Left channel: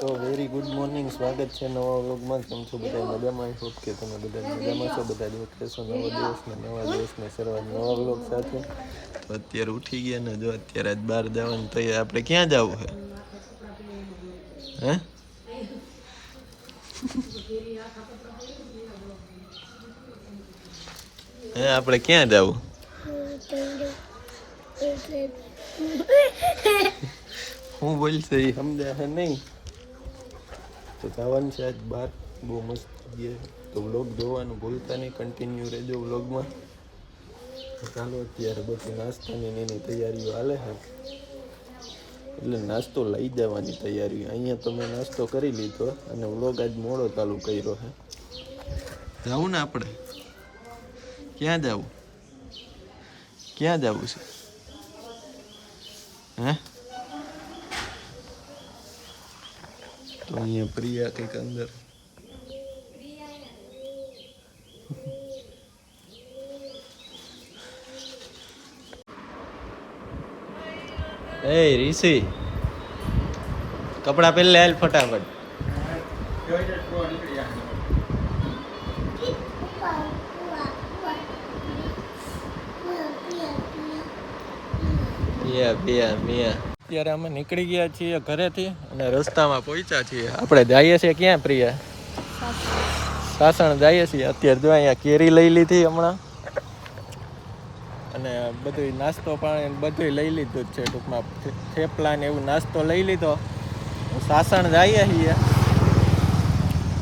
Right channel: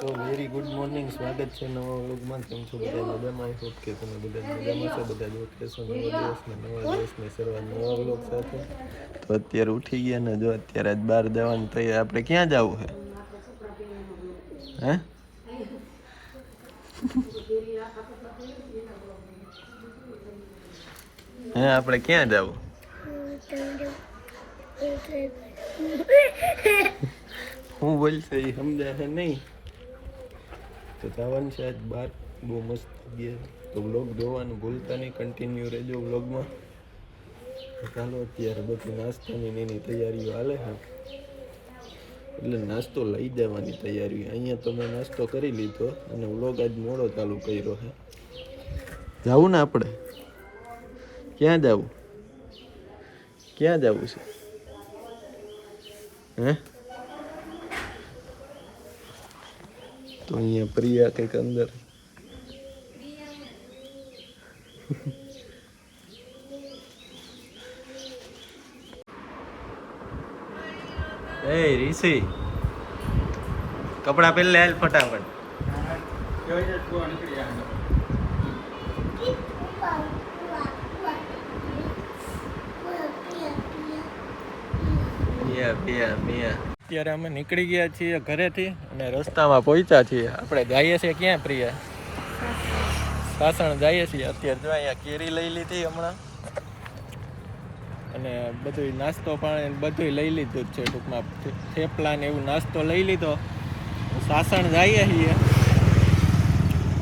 તો very good morning સ્વાગત છે નવા વ્લોગમાં. કેમ છો બધા? મજામાં? આઈ હોપ કે તમે બધા મજામાં છો. બધા જો કહેશો નવો દિવસ ને નવા દિવસની શરૂઆત નવા વ્લોગ સાથે. તો અત્યારે ઉઠી ગયા ને જો અત્યારે આજ બહાર જવાનું તૈયાર આપણે ક્યાં જવું છે હે? હે આપણે ક્યાં જવું? હું બોલશે એ સમજે નહીં. તો જવાનું છે બાર. બહુ મસ્ત જગ્યાએ તો વ્લોગ જોવાનું ભૂલતા નહીં કન્ટિન્યુ રહેજો વ્લોગમાં તો ચાલો અત્યારે બધું નાસ્તાની એની તૈયારીઓ હાલે છે. એટલે નાસ્તો લઈ જવાની તૈયારી અહીંયા તો મેં નાસ્તો કરી લીધો અને વ્લોગ આજ મોડો ચાલુ કર્યો છે. જવું ને આપણે? ક્યાં જવું? ક્યાં જવું છે? હે? તો અહીંયા પ્રિયા કંઈક અંદર એ રીસી કપડા પહેલે હાલ ફટાફટ પિયા પિયા પિયા અત્યારે અમે નીકળી ગયા છીએ ઘરેથી અને રસ્તામાં પહોંચ્યા છીએ. આપણે જઈએ છીએ ક્યાં પ્રિયા? સાસણ જઈએ છીએ. અત્યારે જો અહીંયા કેરી લઈ લીધી હમણાં. અને બધું નાસ્તો પાણી બધું લઈ લીધું જ છે ટૂંકમાં. થેપલા ને એવું નાસ્તો લઈ લીધો. સાસણ જઈએ છીએ.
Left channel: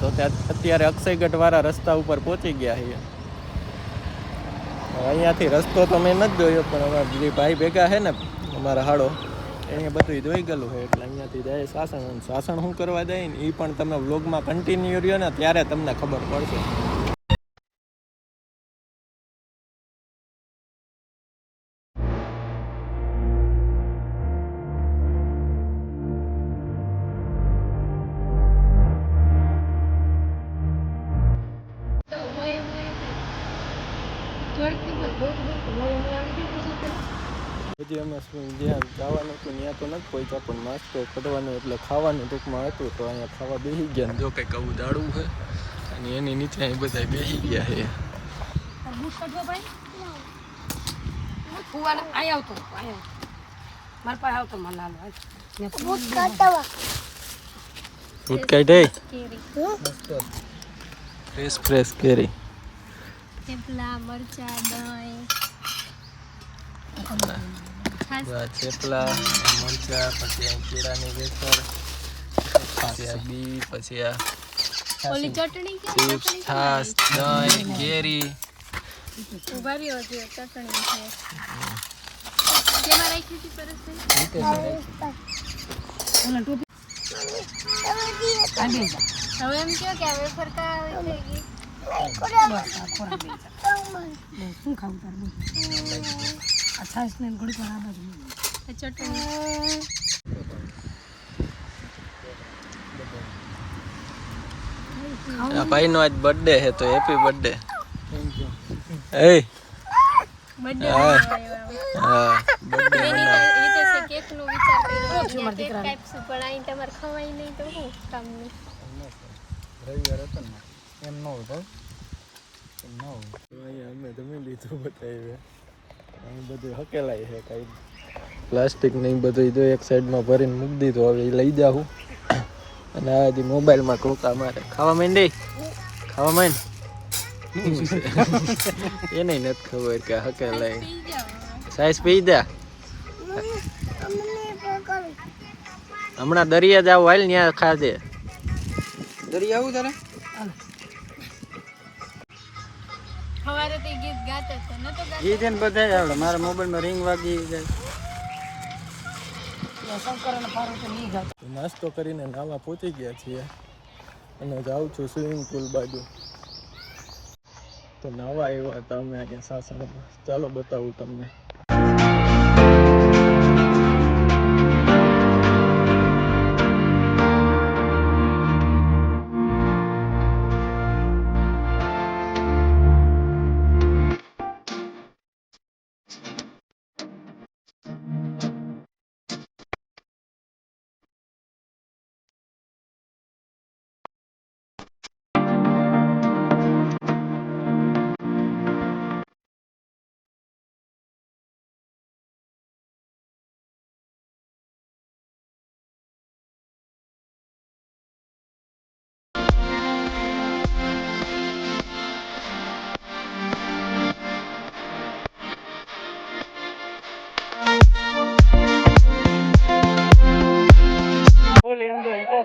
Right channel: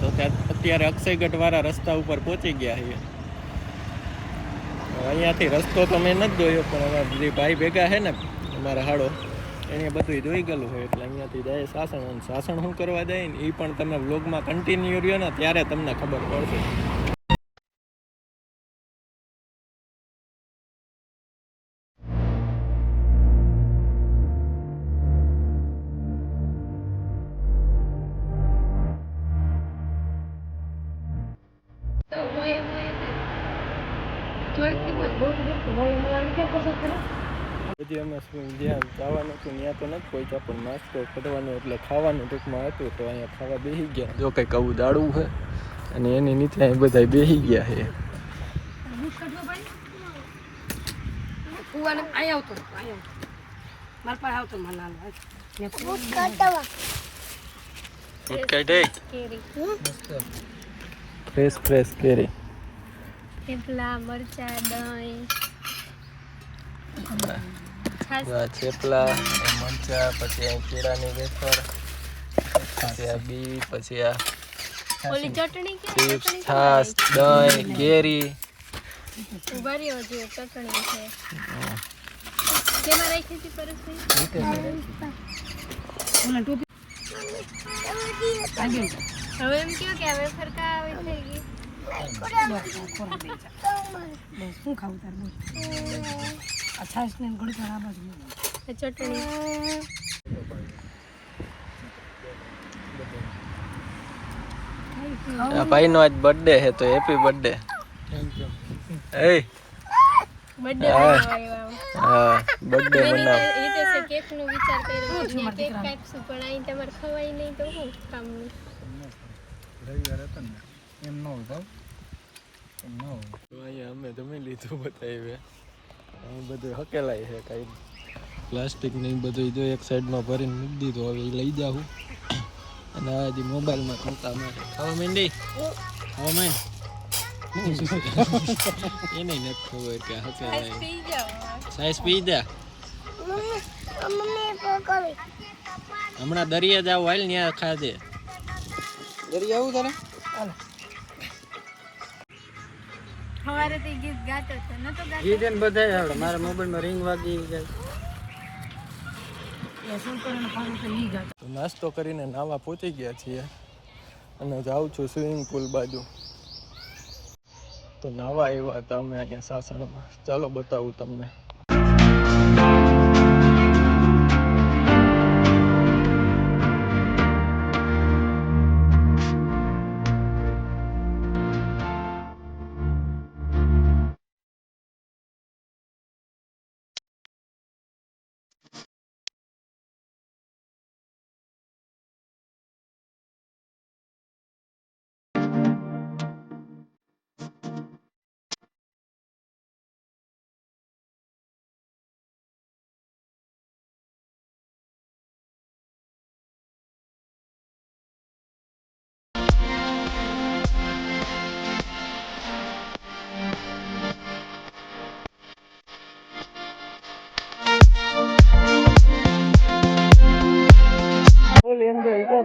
તો ત્યાં અત્યારે અક્ષયગઢ વાળા રસ્તા ઉપર પહોંચી ગયા છીએ. અહીંયાથી રસ્તો તો મેં નથી જોયો, પણ અમારા જે ભાઈ ભેગા છે ને, અમારા હાડો એને બધું જોઈ ગયેલું છે એટલે અહીંયાથી જાય સાસણ અને સાસણ શું કરવા જાય ને એ પણ તમે વ્લોગમાં કન્ટિન્યુ રહ્યો ને ત્યારે તમને ખબર પડશે પછી અમે જ્યાં જવાનું હતું ત્યાં તો નથી પહોંચ્યા પણ નાસ્તો કરવાનો એટલે ખાવાનું ટૂંકમાં હતું તો અહીંયા ખાવા બેસી ગયા. જો કંઈક આવું દાડું છે અને એની નીચે અહીં બધા બેસી ગયા છે. ફુવાને અહીં આવતો અહીંયા મારા પાસે આવતો મને લાલ ફૂટ કાઢે ફ્રેશ ફ્રેશ કેરી. થેપલા મરચા દહીં. આ થેપલા મરચા પછી આ કેળાની વેફર પછી આ બી પછી આ ઓલી ચટણી કે ચીપ્સ છાશ દહીં કેરી. ઊભા રહ્યો છે ચટણી છે. કેમાં રાખી હતી પરસભાઈ હવે એમ કયો કે હવે સરકા આવી થઈ ગઈ શું ખાવું તાર બોલ. આ છાશ ને ઘડી પર આ બાજુ ચટણી આ ભાઈનો આજ બર્થડે છે તો હેપી બર્થડે એ બર્થડે હા. બનાવવા હા બર્થડે બનાવ. એ તો છે કેક નો વિચાર કર્યો છે કેક કાપશું પણ અહીં તમારે ખવાય નહીં તો શું કામનું અહીંયા અમે તમે લીધું બતાવી અહીં બધું હકેલાય છે કાંઈ. પ્લાસ્ટિક ને ઈ બધું જો એક સાઈડમાં ભરીને મૂકી દીધું. હવે એ લઈ જાઉં. અને આ જે મોબાઈલમાં કોકા મારે. ખાવા માંડી? ખાવા માંડ? એને નથી ખબર કે હકેલાય. સાઈઝ પી જા. હમણાં દરિયા જાવ હાલ ન્યા ખાજે. દરિયા આવું તારે? સવારે તે ગીત તો નતો ગાતો. ગીત એને બધે આવડે. મારા મોબાઈલમાં રિંગ વાગી જાય તો નાસ્તો કરીને નાવા પહોંચી ગયા છીએ. અને જાઉં છું સ્વિમિંગ પુલ બાજુ. તો નાવા આવ્યા હતા અમે અહીંયા સાસણમાં ચાલો બતાવું તમને.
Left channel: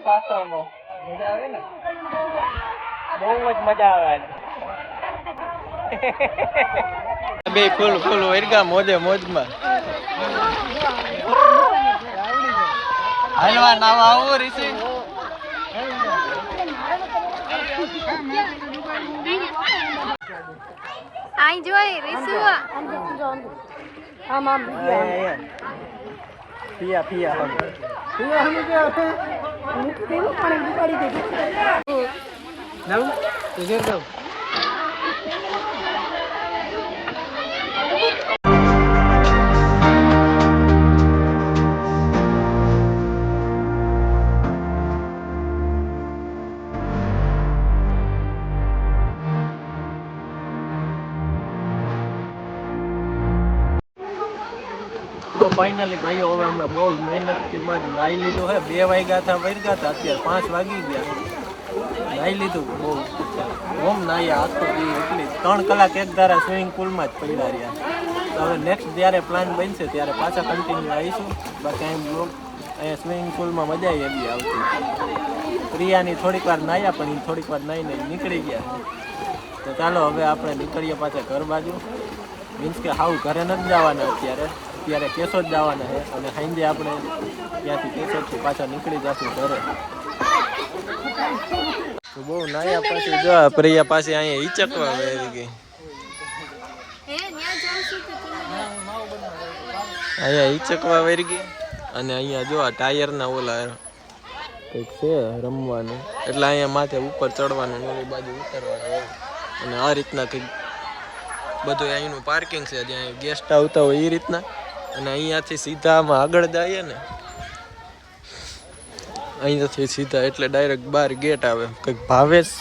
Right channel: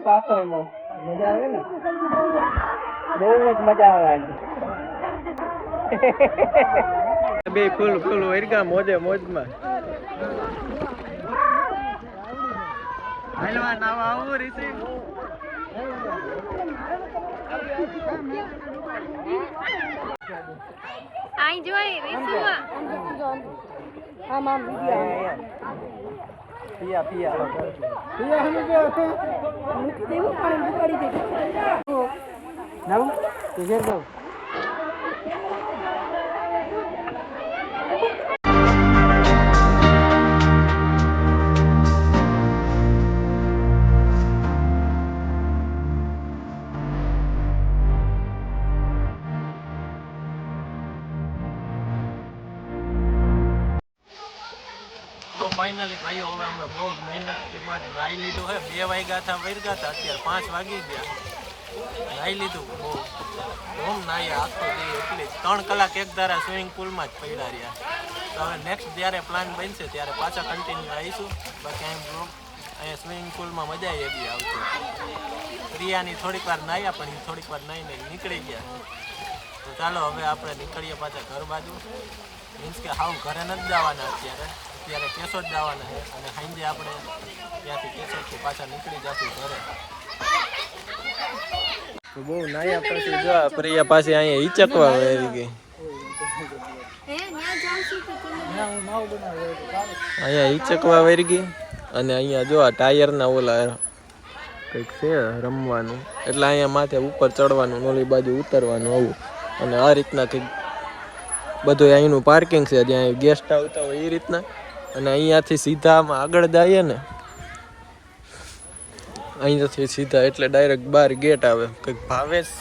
પાછળમાં. મજા આવે ને? બહુ જ મજા આવે બે ફૂલ ફૂલ વરગા મોજે મોજમાં. હાલવા નાવા આવો રીસી આઈ જોઈ રીસુ આમ આમ વીડિયો પિયા પિયા. પિયા હમ કે મૂકી દેવું પાણી ઉપાડી દે. નવું તો ઘેર ફાઇનલી ભાઈઓ, હવે અમે બહુ મહેનતથી બાદ નાહી લીધું હે. બે વાગ્યા હતા વર્ગા હતા, અત્યારે પાંચ વાગી ગયા. નાહી લીધું બહુ. હોમ નાહ્યા આખો દી એટલી. ત્રણ કલાક એક ધારા સ્વિમિંગ પુલમાં જ પડ્યા રહ્યા. તો હવે નેક્સ્ટ જ્યારે પ્લાન બનશે, ત્યારે પાછા કન્ટિન્યુ આવીશું. બાકી એમ બ્લોગ અહીંયા સ્વિમિંગ પુલમાં મજા એવી આવતી. પ્રિયાની થોડીક વાર નાહ્યા, પણ એ થોડીક વાર નાહીને નીકળી ગયા. તો ચાલો, હવે આપણે નીકળીએ પાછા ઘર બાજુ. મીન્સ કે હાવ ઘરે નથી જવાના અત્યારે. અત્યારે કેશોદ જવાના છે અને સાંજે આપણે ત્યાંથી કેશોદથી પાછા નીકળી જશું ઘરે. તો બહુ નાયા પાછી જો પ્રિયા પાસે અહીંયા ઈચકવા વેરી ગઈ. અહીંયા ઈચકવા વેરી ગઈ અને અહીંયા જો આ ટાયરના ઓલા કંઈક છે રમવાનું. એટલે અહીંયા માથે ઉપર ચડવાનું નોલી ઓલી બાજુ ઉતરવાનું આવ્યું અને આ રીતના કંઈક બધું અહીંનું પાર્કિંગ છે. જ્યાં ગેસ્ટ આવતા હોય એ રીતના. અને અહીંયાથી સીધા આમાં આગળ જઈએ ને અહીંયાથી સીધા એટલે ડાયરેક્ટ બાર ગેટ આવે. કંઈક ભાવેશ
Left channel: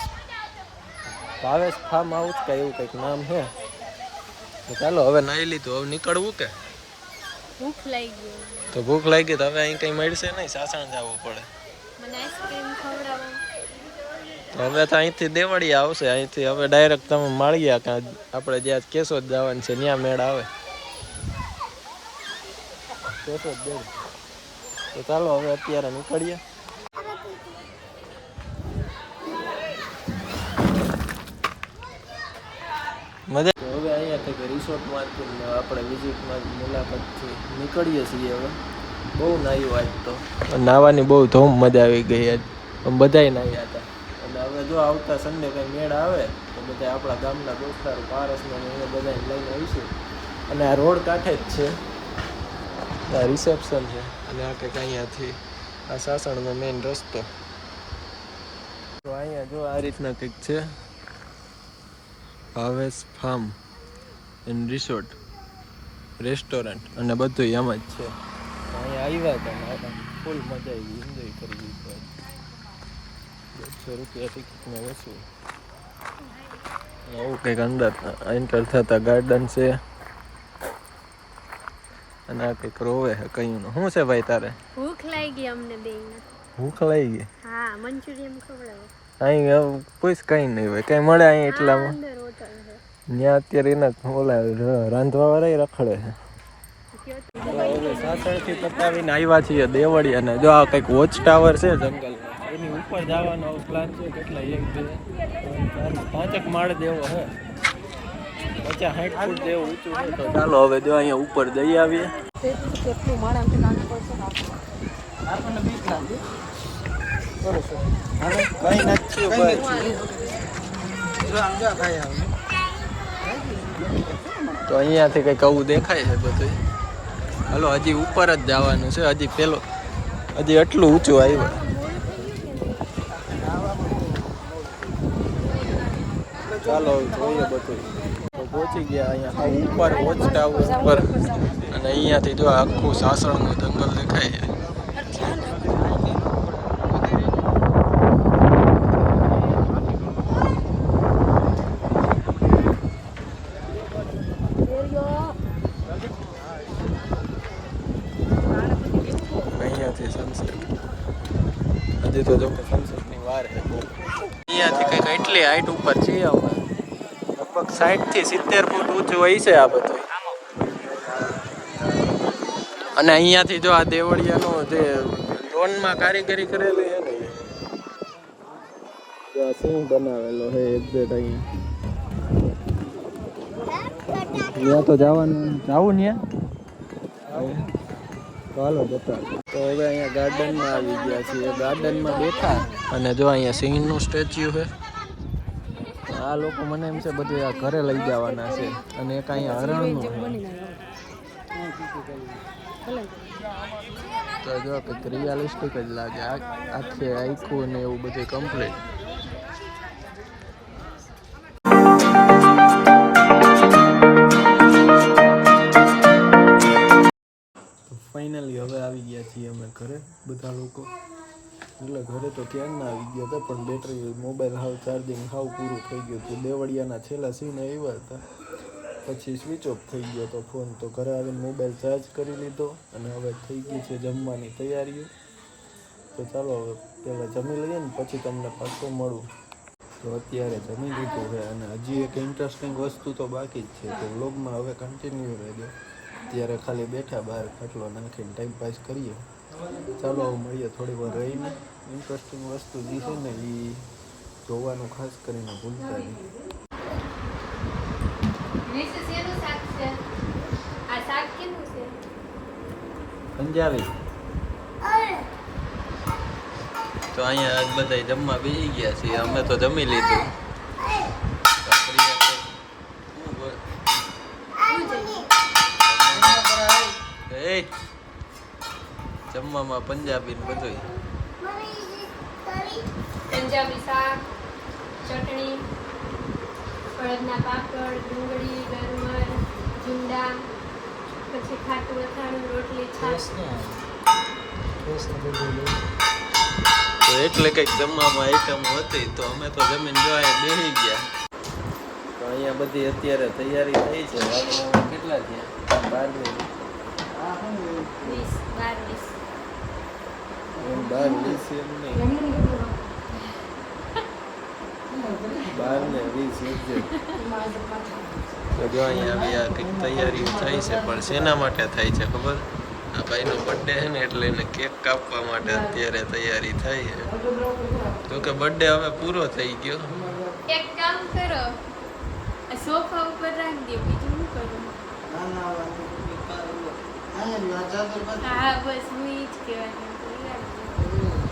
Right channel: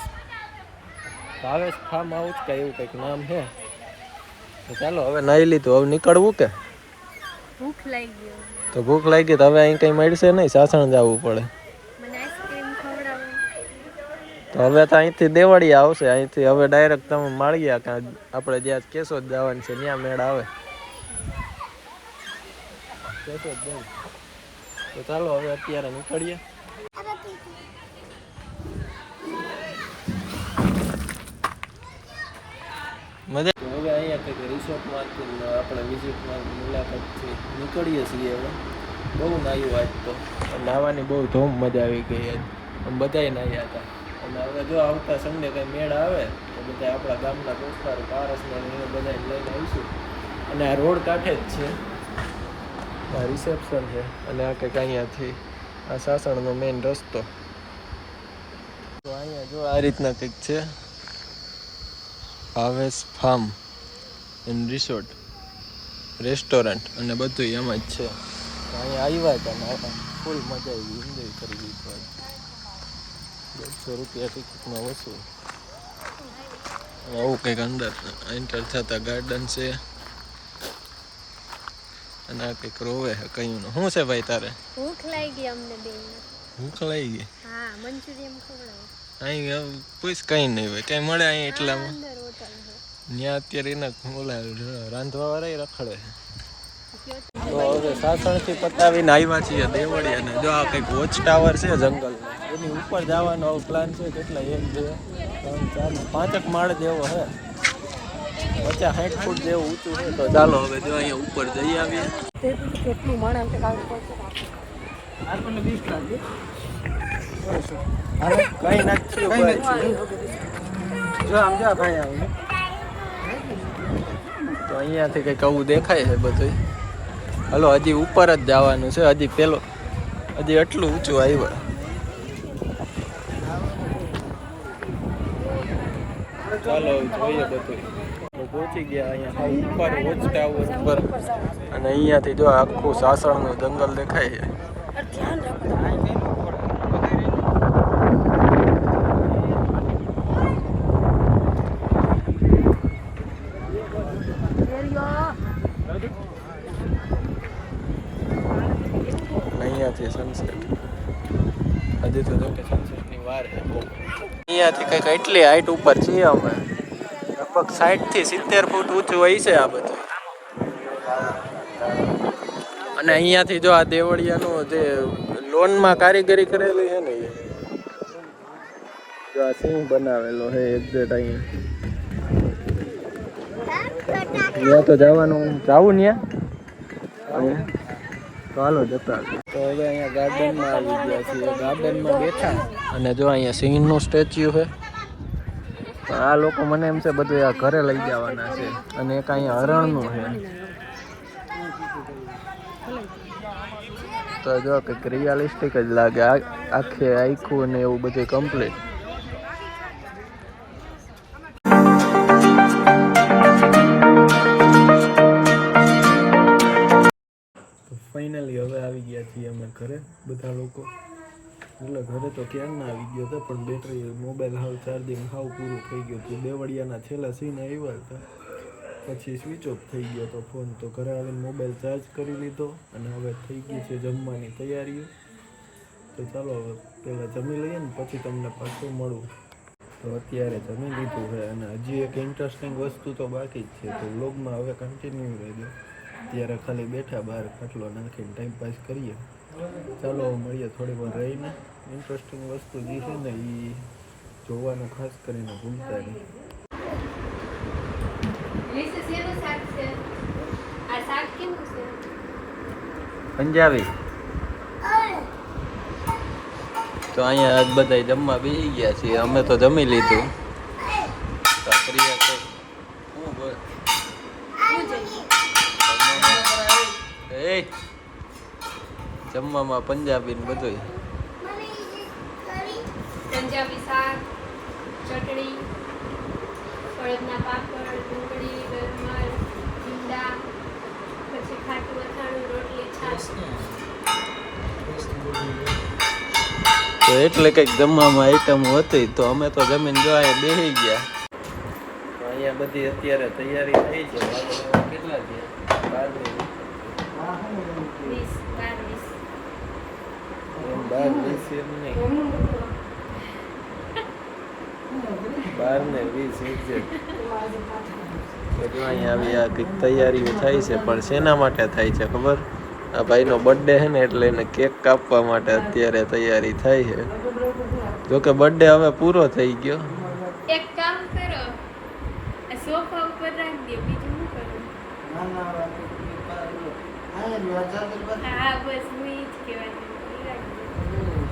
ભાવેશ ફાર્મ હાઉસ કે એવું કંઈક નામ છે. તો ચાલો હવે નાહી લીધું. હવે નીકળવું કે? ભૂખ લાગી ગયો તો ભૂખ લાગી તો હવે અહીં કંઈ મળશે નહીં? સાસણ જવું પડે. તો હવે તો અહીંથી દેવાળી આવશે. અહીંથી હવે ડાયરેક્ટ તમે માળિયા કાં આપણે જ્યાં કેશોદ જવાનું છે ત્યાં મેળ આવે. કેશોદ દેવ તો ચાલો હવે અત્યારે નીકળીએ. મજા તો હવે અહીંયા કંઈક રિસોર્ટમાંથી આપણે વિઝિટમાં મુલાકાતથી નીકળીએ છીએ હવે. બહુ નાહ્યું આજ તો. નાહવાની બહુ ધૂમ મજા આવી ગઈ આજ. બધાય નાહ્યા હતા. અને હવે જો આવતા સન્ડે કંઈ મેળ આવે તો બધા આપણા ગામના દોસ્તારો પારસને ને એને બધાને લઈને આવીશું. અને આ રોડ કાંઠે જ છે. આ રિસેપ્શન છે અને આ કંઈક અહીંયાથી આ સાસણનો મેઇન રસ્તો. તો અહીંયા જો આ રીતના કંઈક છે. Bhavesh farm and resort restaurant અને બધું એમ જ છે. અહીંયા આવ્યા હતા ને ફૂલ મજા આવી એન્જોય કરી દીધું દોઢસો રૂપિયા ટિકિટમાં વસૂલ આવું કંઈક અંદર એન્ટર થતા ગાર્ડન છે. અને આ કંઈક રોવે કયું કયું શું છે ભાઈ તારે? ભૂખ લાગી અમને બે ભૂખ લાગી? ગઈ હા મંચુરિયન ખવડાવો. અહીં પૂછ કંઈ નહીં હોય કઈ મળે અહીં એટલામાં? ત્યાં અત્યારે એના ઓલા રાંધવા વાળા રખડે છે. તો હવે સાસણથી પતાવીને આવ્યા છીએ દેવળી અને જો આ કંઈક વોચ ટાવર છે જંગલમાં એની ઉપર જવાનો પ્લાન છે કેટલા એક બે ત્રણ ચાર પાંચક માળ જેવો છે. પચાસ સાઠ ફૂટ જેવું ઊંચું છે તો ચાલો હવે જો અહીંયા ઉપર જઈ આવીએ. કેટલું માણસ આપણને બીક લાગે. કઈ નાખ્યું ભાઈ. જો આમ જો ભાઈ તો અહીંયાથી કંઈક આવું દેખાય છે બધું હલો હજી ઉપર જ જવાનું છે. હજી પેલો હજી એટલું ઊંચું આવ્યું. ચાલો જોઈએ બધું પહોંચી ગયા અહીંયા. ઉપર વોચ ટાવર ઉપર. અને અહીંયાથી જો આખું સાસણનું જંગલ દેખાય છે. અહીંયાથી સનસેટ હજી તો જો સનસેટની વાર છે અહીંયાથી કંઈક એટલી હાઈટ ઉપર છીએ અમે. સાઠથી સિત્તેર ફૂટ ઊંચું હોય છે આ બધું. અને અહીંયાથી જો આ દેવળિયાનું જે લોનમાં કારીગરી કરેલી છે ને જો આ સિંહ બનાવેલો છે એક્ઝેક્ટ અહીંયા. ત્યાં તો જવાનું, જાવું ત્યાં અહીંયા? ચાલો જતા તો હવે અહીંયા ગાર્ડનમાં આવી ગયા છીએ. ગાર્ડનમાં બેઠા. અને જો અહીંયા સિંહનું સ્ટેચ્યુ છે. આ લોકો મને એમ છે બધું આ ઘરે લઈ જવાના છે અને એક અહીંયા હરણનું છે. તો જો કંઈક રિયાલિસ્ટિક જ લાગે આખે આખું ને એવું બધું કમ્પ્લીટ ફાઇનલી હવે આવી ગયા છીએ અમે ઘરે, બધા લોકો. એટલે ઘરે તો ક્યારના આવી ગયો હતો, પણ બેટરી મોબાઈલ હાવ ચાર્જિંગ હાવ પૂરું થઈ ગયું હતું. દેવળિયાના છેલ્લા સીન આવ્યા હતા. પછી સ્વિચ ઓફ થઈ ગયો હતો ફોન તો ઘરે આવીને મોબાઈલ ચાર્જ કરી લીધો અને હવે થઈ ગઈ છે જમવાની તૈયારીઓ. તો ચાલો હવે પહેલાં જમી લઈએ ને પછી તમને પાછું મળું. તો અત્યારે જમી લીધું છે અને હજી એક ઇન્ટરેસ્ટિંગ વસ્તુ તો બાકી જ છે. તો વ્લોગમાં હવે કન્ટિન્યુ રહેજો. ત્યારે ખાલી બેઠા, બહાર ખાટલો નાખીને ટાઈમ પાસ કરીએ. ચાલો મળીએ થોડી વાર રહીને. ઇન્ટરેસ્ટિંગ વસ્તુ જે છે ને એ જોવાનું ખાસ કરીને ભૂલતા નહીં. છે? છે? પંજાબી. તો અહીંયા આજ બધા જમવા બેસી ગયા છીએ. અમે તો જમી લીધું તો પ્રિયા છે હું બોલ એ જમવામાં પંજાબી ને બધું પંજાબી શાક ચટણી અડદના પાપડ ડુંગળી ગરમર ભીંડા પછી ખાટું અથાણું રોટલી છાશ. તો એટલે કંઈક જમવામાં આઈટમ હતી તો અમે તો જમીન જો અહીંયા બેસી ગયા. તો અહીંયા બધી અત્યારે તૈયારી થઈ છે. કેટલા છે બાર મિનિટ વીસ એમ વીસ એમ નહીં. બાર ને વીસ એક્ઝેક્ટ. તો જો અહીંયા આવી આ કંઈક તૈયારીઓ થાય છે પણ શેના માટે થાય છે ખબર? આ ભાઈનો બર્થડે છે ને એટલે એને કેક કાપવા માટે અત્યારે તૈયારી થાય છે. જોકે બર્થડે હવે પૂરો થઈ ગયો. એક કામ કરો. આ સોફા ઉપર રાખી દે બીજું શું કરું? હા બસ હું જ કહેવાનું.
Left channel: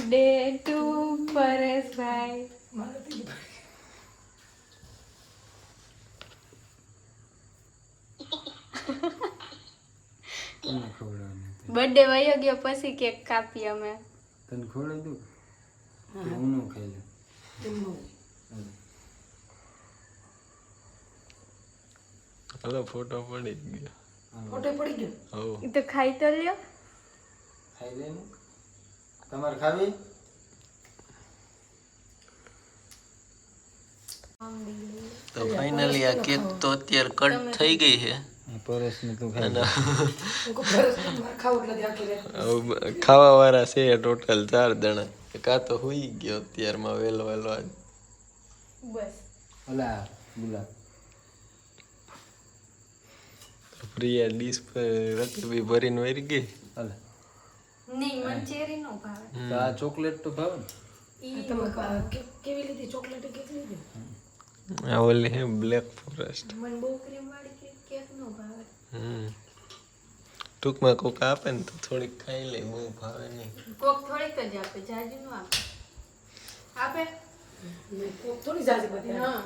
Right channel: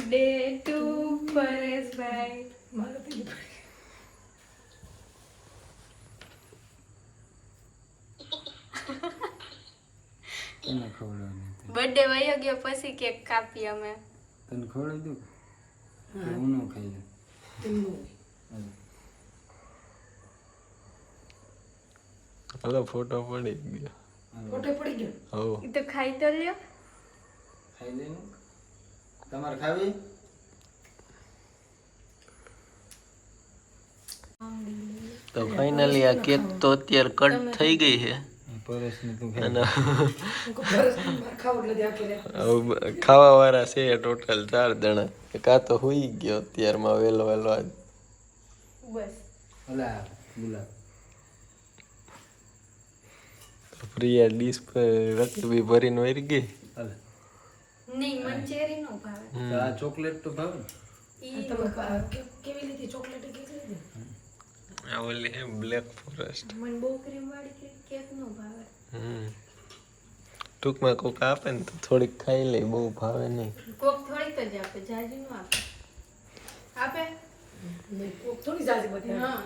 day to Pareshbhai તને ખવડાવવાની બર્થડે વયો ગયો પછી કેક કાપી અમે. તને ખવડાવી દઉં? કે હું ન ખાઈ લઉં હલો ફોટો પડી ગયો. ફોટો પડી ગયો? હો ઈ તો ખાઈ તો લ્યો. ખાઈ લે તમારે ખાવી? તો ફાઇનલી આ કેક તો અત્યારે કટ થઈ ગઈ છે. ખાવું વાળા છે ટોટલ ચાર જણા. કા તો હુઈ ગયો અત્યારમાં વહેલો વહેલો આજ. પ્રિયા ડીશ પર રકબી ભરીને વરી ગઈ. નહીં મને ચેરી નો ભાવે આ ચોકલેટ તો ભાવે ને કેવી લીધી ચોકલેટ કેવી લીધી આ ઓલી હે બ્લેક ફોરેસ્ટ. મને બહુ ક્રીમ વાળી કેક કેક નો ભાવે હમ. ટૂંકમાં કોક આપે ને તો થોડીક ખાઈ લે બહુ ભાવે નહીં. કોક થોડીક જ આપે જાજી નો આપે. આપે? થોડી જાજી બધી હા.